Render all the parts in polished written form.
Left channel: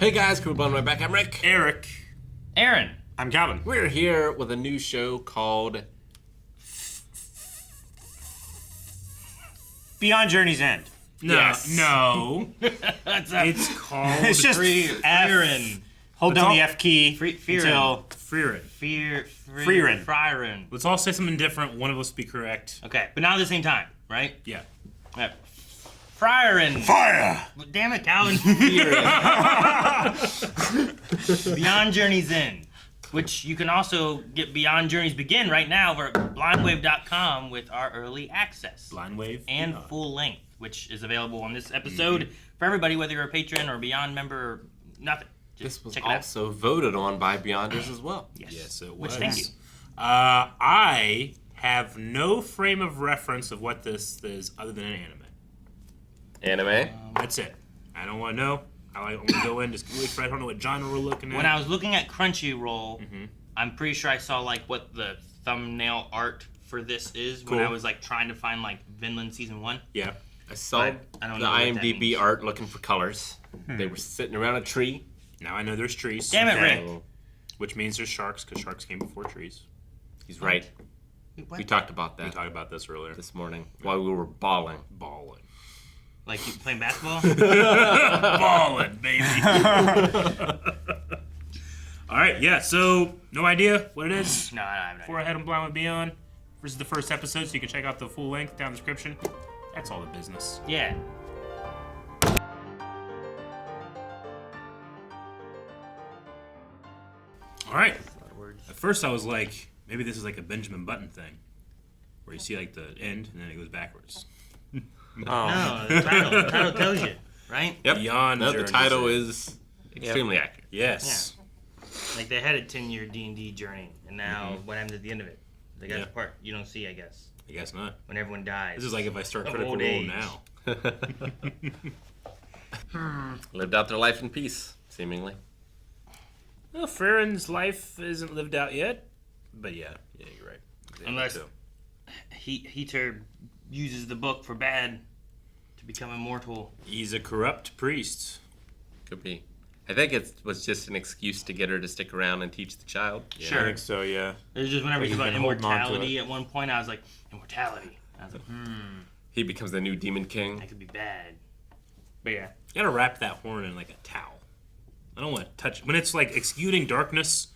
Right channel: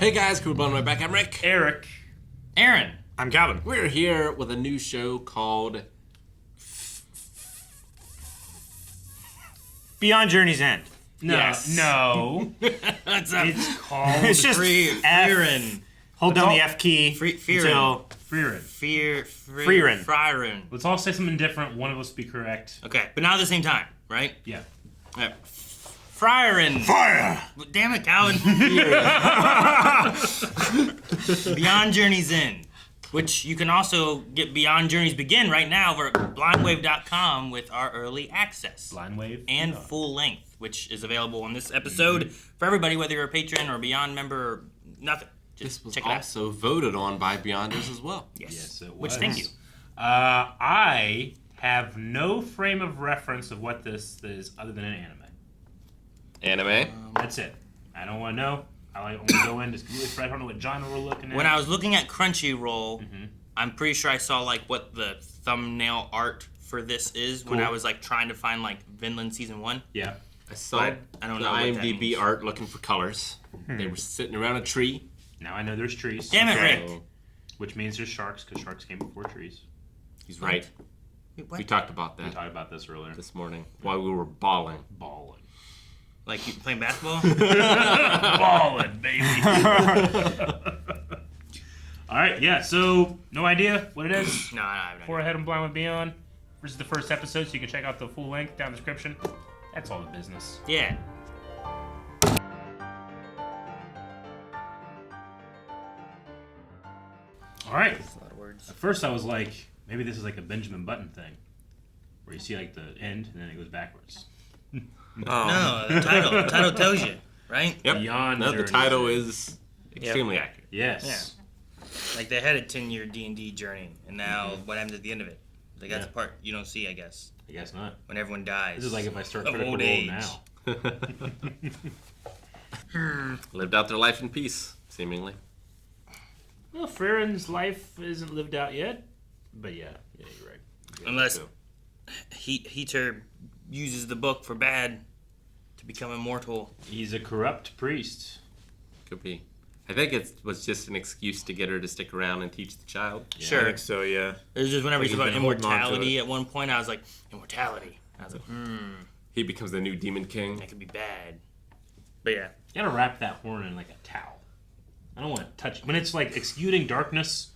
Hey guys, cool blowing right back. I'm Rick. Eric. Aaron. I'm Calvin. We're here with a new show called Beyond Journey's End. No. Yes. No. It's called... It's just Frieren. Hold down the F key Frieren. until... Frieren. Frieren. Let's all say something different. One of us be correct. Okay, but not at the same time, right? Yeah. Frieren. Fire! Damn it, Calvin. Beyond Journey's End, which you can also get Beyond Journeys Begin right now over at blindwave.com with our early access. Blind Wave. And full length, which is available on this episode for everybody, whether you're a patron or a Beyond member or nothing. This was check it out. also voted on by Beyonders as well. Yes, it which was. thank you. I have no frame of reference of what this is other than an anime. Anime? That's it. I don't want to know. I want to go in just completely fresh. I don't know what genre we're looking at. When I was looking at Crunchyroll, I'm pretty sure I saw like what the thumbnail art for this is when Cool. I was like trying to find like Vinland Season 1. Yeah. I saw I don't the know what that IMDb means. art looking for colors. They were sitting around a tree. Now I know there's trees. Damn it, Rick. So, Which means there's sharks, because sharks came before trees. he's right. Wait, what? We talked about We that talked about this earlier. this morning while we were bawling. Balling. Like you playing basketball? Balling, baby. Alright, yeah, so no idea what it is. No, I haven't. Before I head on Blind with Beyond, this is the first episode, so you can check out the full length down in the description. That's all the business. Yeah. Alright. That's a lot of words. At first I was like, maybe this is like a Benjamin Button thing. Where you see like the end and then it goes backwards. No, the title tells you, right? Yep. Beyond No, the Journeys. title is extremely accurate. Yes. Like they had a 10-year D&D journey, and now what happens at the end of it? Like that's the part you don't see, I guess, I guess not. when everyone dies. This is like if I start Of Critical old Role age. now. Lived out their life in peace, seemingly. Well, Frieren's life isn't lived out yet. But yeah, you're right. Unless So, Heater uses the book for bad to become immortal. he's a corrupt priest. Could be. I think it was just an excuse to get her to stick around and teach the child. I Sure. think so, yeah. It was just whenever Like you he's talk about been holding on to immortality it. at one point, I was like, immortality. I was like, He becomes the new demon king. that could be bad. But yeah. You gotta wrap that horn in like a towel. I don't want to touch it. When it's like exuding darkness,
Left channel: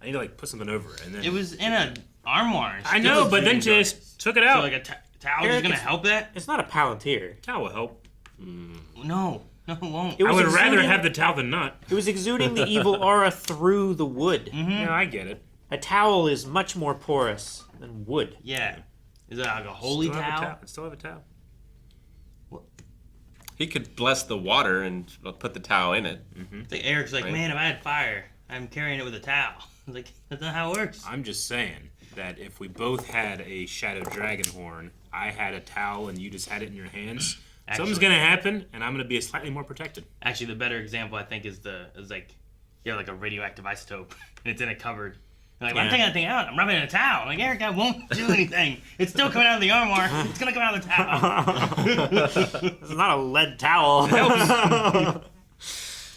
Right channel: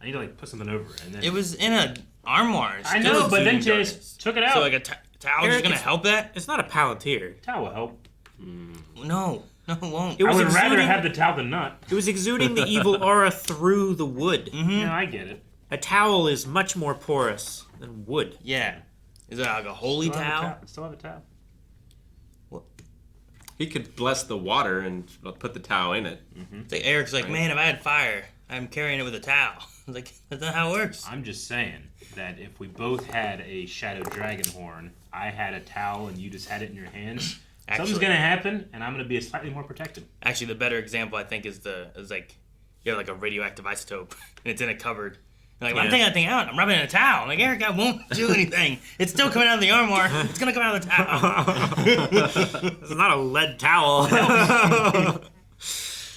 I need to like put something over it. And then It was in an armoire. It's I still know, but then exuding just darkness. took it out. So like a towel is Eric, gonna it's- help that? It's not a Palantir. Towel will help. No, it won't. It I was would rather exuding- have the towel than not. It was exuding the evil aura through the wood. Yeah, I get it. A towel is much more porous than wood. Yeah. Is it like a holy Still have a towel? Still have a towel. He could bless the water and put the towel in it. It's like Eric's like, Right. man, if I had fire, I'm carrying it with a towel. Like, that's not how it works. I'm just saying that if we both had a Shadow Dragon horn, I had a towel and you just had it in your hands, something's Actually- gonna happen and I'm gonna be slightly more protected. Actually, the better example I think is like you have like a radioactive isotope and it's in a cupboard. You're like, I'm taking that thing out. I'm rubbing it in a towel. Like Eric, I won't do anything. It's still coming out of the armoire. It's gonna come out of the towel. It's not a lead towel.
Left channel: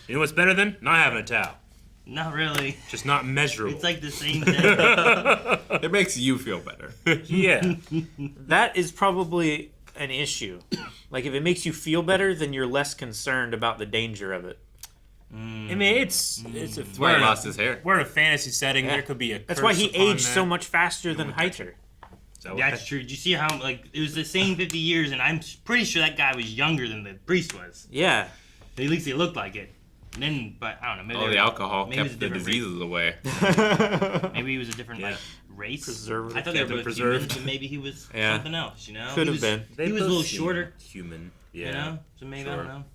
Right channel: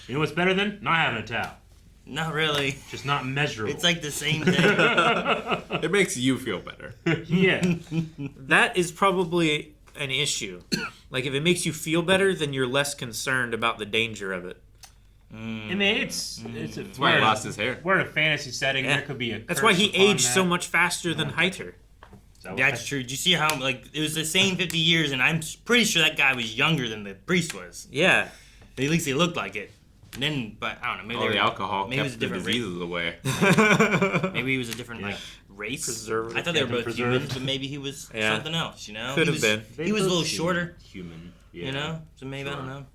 You know what's better than? Not having a towel. Not really. Just not measurable. It's like the same thing. It makes you feel better. yeah. That is probably an issue. Like, if it makes you feel better, then you're less concerned about the danger of it. I mean, it's a That's why he lost his hair. We're in a fantasy setting. Yeah. There could be a. That's curse why he upon aged that. so much faster than Heiter. So That's true. Did you see how like it was the same 50 years, and I'm pretty sure that guy was younger than the priest was. Yeah. At least he looked like it. And then, but I don't know. Maybe All they the were- alcohol maybe it was kept the different diseases away. Maybe he was a different Yeah. like race. Preserved. I thought they were Kept him both humans, preserved. but maybe he was Yeah. something else. You know, Could he have was, been. He was a little both seem shorter. Human. Yeah. You know, so maybe I Sure. don't know.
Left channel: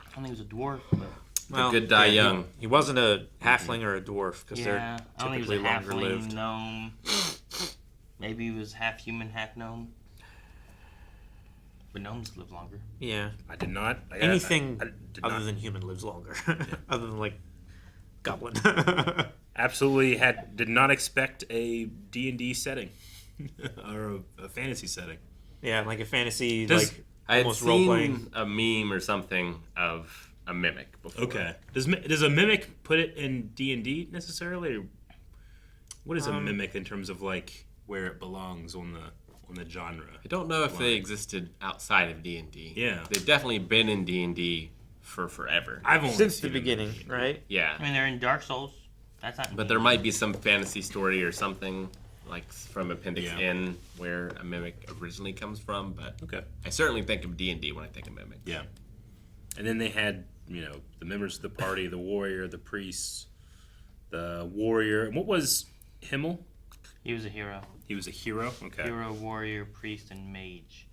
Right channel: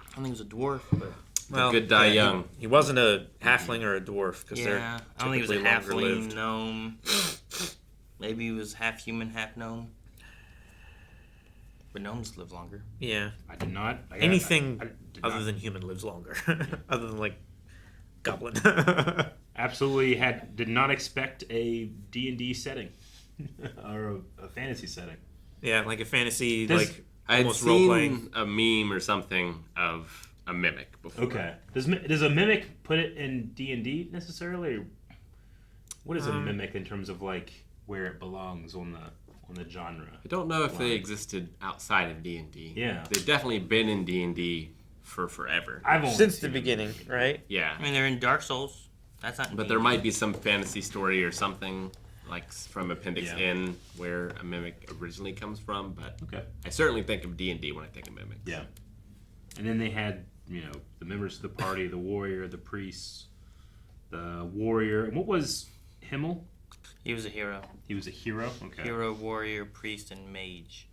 I don't think he was a dwarf, but Well, good die yeah, young. He wasn't a halfling or a dwarf because yeah, they're I don't think he was a typically longer halfling lived. gnome. Maybe he was half human, half gnome. But gnomes live longer. Yeah. I did not. Anything I did other not. than human lives longer. Other than, like, goblin. Absolutely did not expect a D&D setting or a fantasy setting. Yeah, like a fantasy, Does- like, I had almost role-playing. seen a meme or something of a mimic before. Okay. Does a mimic put it in D&D necessarily? Or what is a mimic in terms of like where it belongs on the genre? I don't know if they existed outside of D&D. Yeah. They've definitely been in D&D for forever. I've only Since the seen them. beginning, right? Yeah. I mean, they're in Dark Souls. That's not. But there might be some fantasy story or something like from Appendix N where a mimic originally comes from, but Okay. I certainly think of D&D when I think of mimics. Yeah. And then they had, the members of the party, the warrior, the priests, the warrior. And what was Himmel? He was a hero. He was a hero? Okay. Hero, warrior, priest, and mage.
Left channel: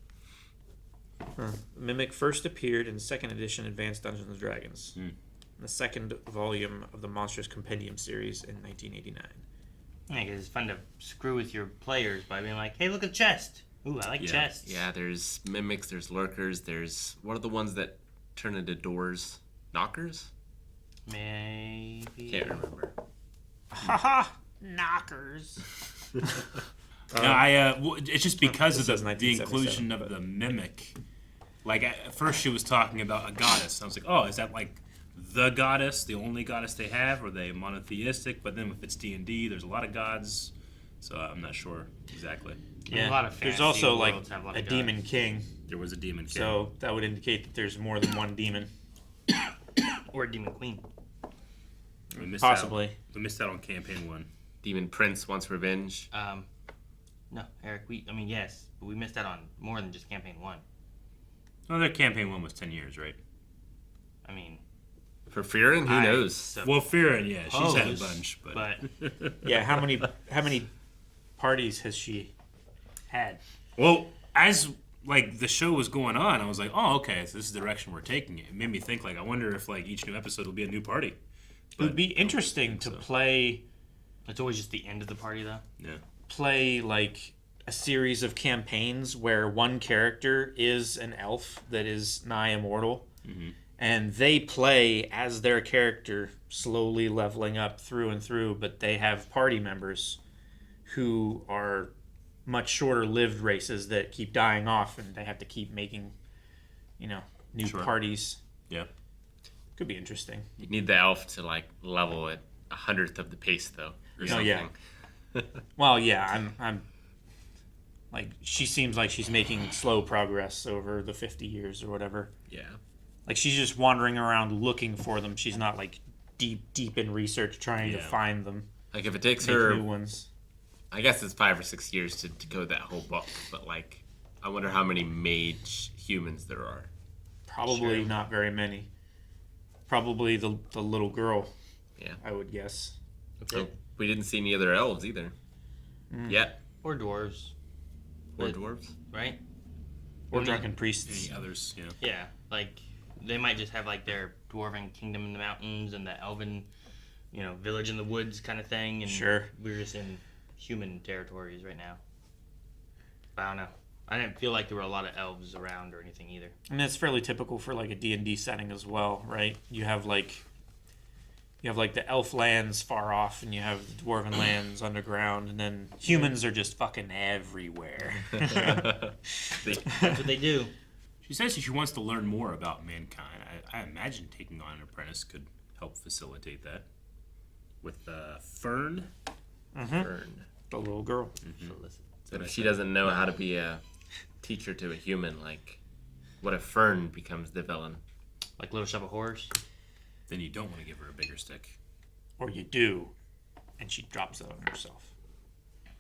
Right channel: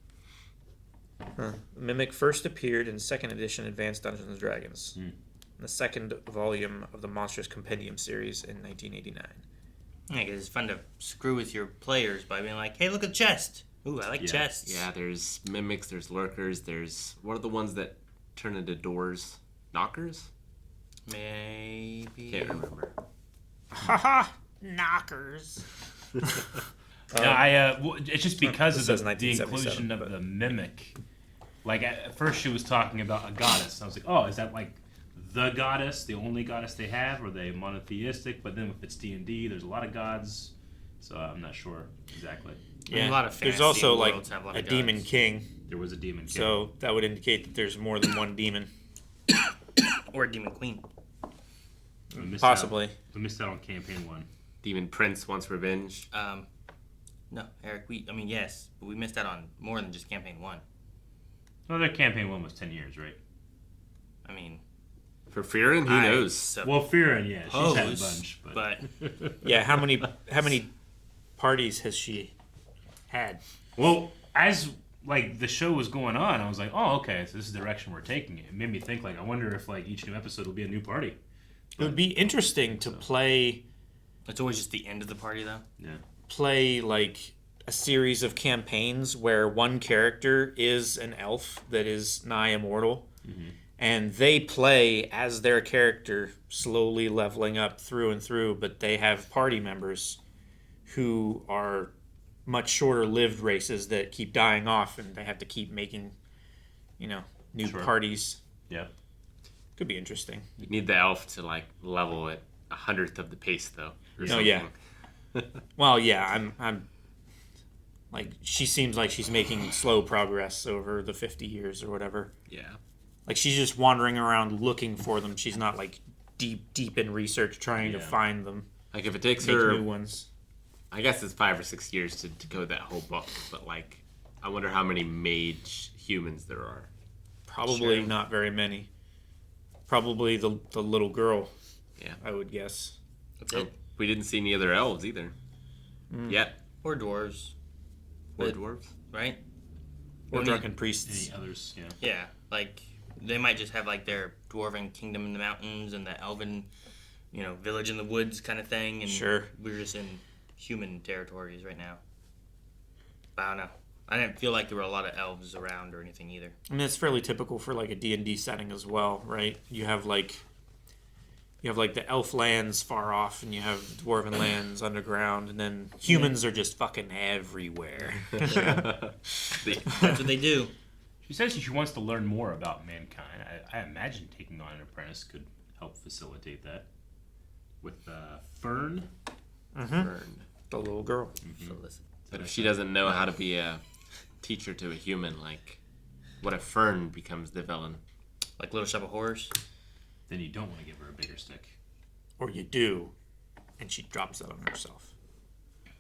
Mimic first appeared in 2nd edition Advanced Dungeons and Dragons, the 2nd volume of the Monsters Compendium series in 1989. I guess it's fun to screw with your players by being like, "Hey, look at chest. Ooh, I like chests." Yeah, there's mimics, there's lurkers, there's... What are the ones that turn into doors? Knockers? Maybe. Can't remember. Haha! Knockers. It's just because of says the 1977. inclusion of the mimic. Like, at first she was talking about a goddess. I was like, oh, is that like the goddess, the only goddess they have? Or are they monotheistic? But then if it's D&D, there's a lot of gods. So I'm not sure exactly. A lot of There's fantasy also like worlds have a lot a of demon gods. king, There was a demon king. so that would indicate that there's more than one demon. Or a demon queen. We missed Possibly. Out. We missed out on campaign 1. Demon Prince wants revenge. No, Eric, yes, but we missed out on more than just campaign 1. Well, their campaign 1 was 10 years, right? I mean, For Frieren, who knows? Well, Frieren, yeah, she's had a bunch, but Yeah, how many parties has she had? Well, as like the show was going on, I was like, oh, okay, so this is the direction we're taking it. It made me think, like, I wonder if like each new episode will be a new party. It would be interesting to play it's always just the end of the party, though. play like a series of campaigns where one character is an elf that is nigh immortal, and they play as their character, slowly leveling up through and through, but they have party members who are much shorter lived races that keep dying off, and they have to keep making new parties. Yeah. Could be interesting. You need the elf to like level at 100th of the pace, though. Oh yeah. Well, yeah, I'm like, she seems like she's making slow progress over the 50 years or whatever. Yeah. Like, she's just wandering around looking for them. She's not like deep in research trying to find them. Like if it takes Make her, new ones. I guess it's 5 or 6 years to go that whole book. But like, I wonder how many mage humans there are. Probably not very many. Probably the little girl. Yeah. I would guess. Like, we didn't see any other elves either. Yet. Or dwarves, Or dwarves. right? Or drunken priests. Any others? Yeah. Yeah, like they might just have like their dwarven kingdom in the mountains and the elven, village in the woods kind of thing. And Sure. we're just in human territories right now. But I don't know. I didn't feel like there were a lot of elves around or anything either. I mean, it's fairly typical for like a D&D setting as well, right? You have like the elf lands far off, and you have dwarven lands underground, and then humans are just fucking everywhere. That's what they do. She says she wants to learn more about mankind. I imagine taking on an apprentice could help facilitate that. With Fern. Fern. The little girl. So listen. But if she doesn't know how to be a teacher to a human, like, what if Fern becomes the villain? Like Little Shop of Horrors. Then you don't want to give her a bigger stick. Or you do, and she drops it on herself.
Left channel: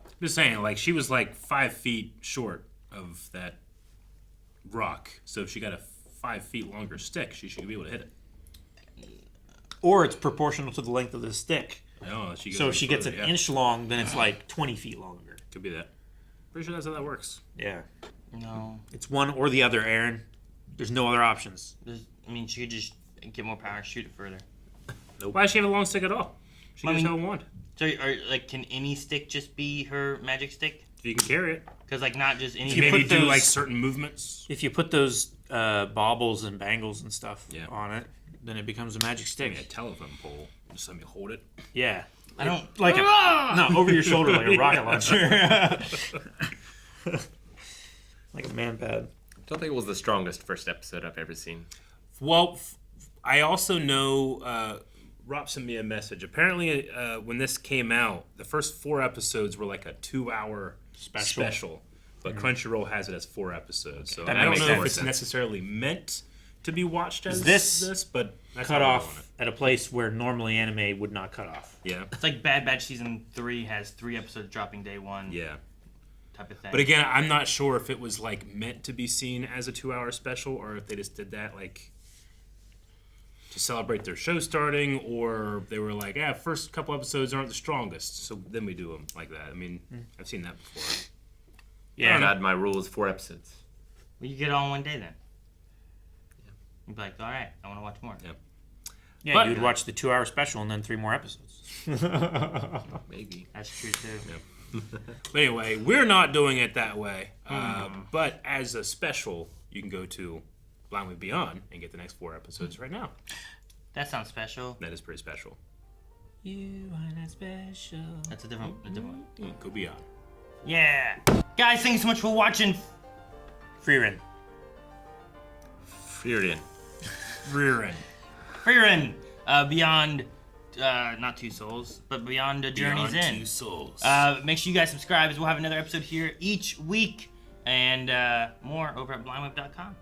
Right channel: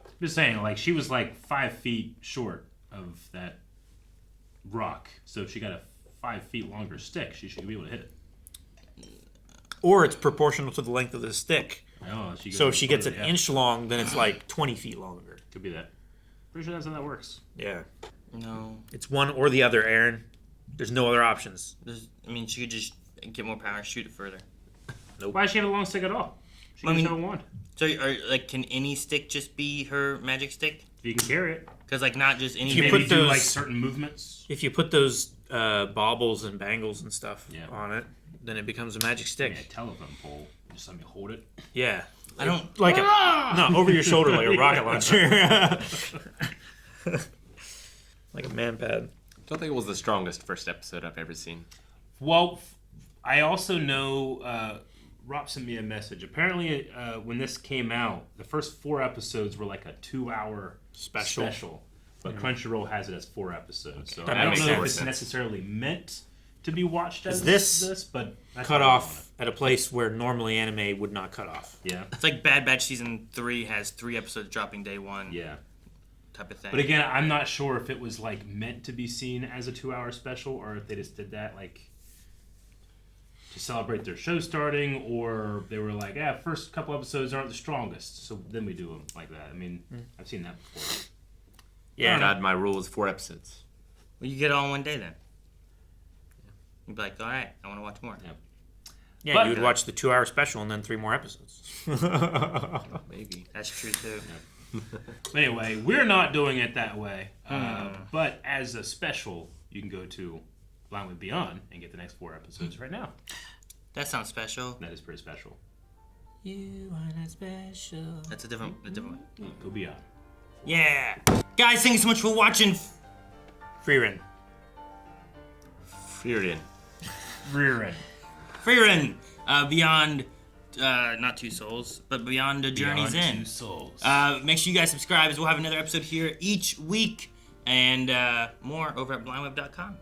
I'm just saying, like, she was like 5 feet short of that rock. So if she got a 5 feet longer stick, she should be able to hit it. Or it's proportional to the length of the stick. Oh, So if she gets an inch long, then it's like 20 feet longer. Could be that. Pretty sure that's how that works. Yeah. No. It's one or the other, Aaron. There's no other options. She could just get more power and shoot it further. Why does she have a long stick at all? She has no wand. So, can any stick just be her magic stick? You can carry it. Because, not just any... If you Maybe put do, those- like, certain movements. If you put those baubles and bangles and stuff Yeah. on it, then it becomes a magic I stick. mean, a telephone pole. Just let me hold it. Yeah. I don't... Like over your shoulder like a rocket launcher. Like a man pad. I don't think it was the strongest first episode I've ever seen. Well, I also know Rob sent me a message. Apparently, when this came out, the first 4 episodes were like a 2-hour special. But Crunchyroll has it as 4 episodes. So That I don't makes know if sense. it's necessarily meant to be watched as this but that's cut how I'm off at a place where normally anime would not cut off. doing it. Yeah. It's like Bad Batch season 3 has 3 episodes dropping day 1. Yeah. Type of thing. But again, I'm not sure if it was like meant to be seen as a 2-hour special or if they just did that like to celebrate their show starting, or they were like, yeah, first couple episodes aren't the strongest, so then we do them like that. I mean, I've seen that before. Yeah. God, my rule is 4 episodes. Well, you get it all in one day then. You'd be like, all right, I want to watch more. Yeah. Yeah, But- you would watch the 2-hour special and then 3 more episodes. Maybe. That's true too. But anyway, we're not doing it that way. But as a special, you can go to Blindly Beyond and get the next 4 episodes right now. That sounds special. That is pretty special. You are not special. That's a different one. Go Beyond. Yeah. Guys, thank you so much for watching. Frieren. Frieren. Frieren. Frieren. Beyond, not 2 souls, but Beyond the Journey's Beyond End. 2 souls. Make sure you guys subscribe as we'll have another episode here each week and more over at blindweb.com.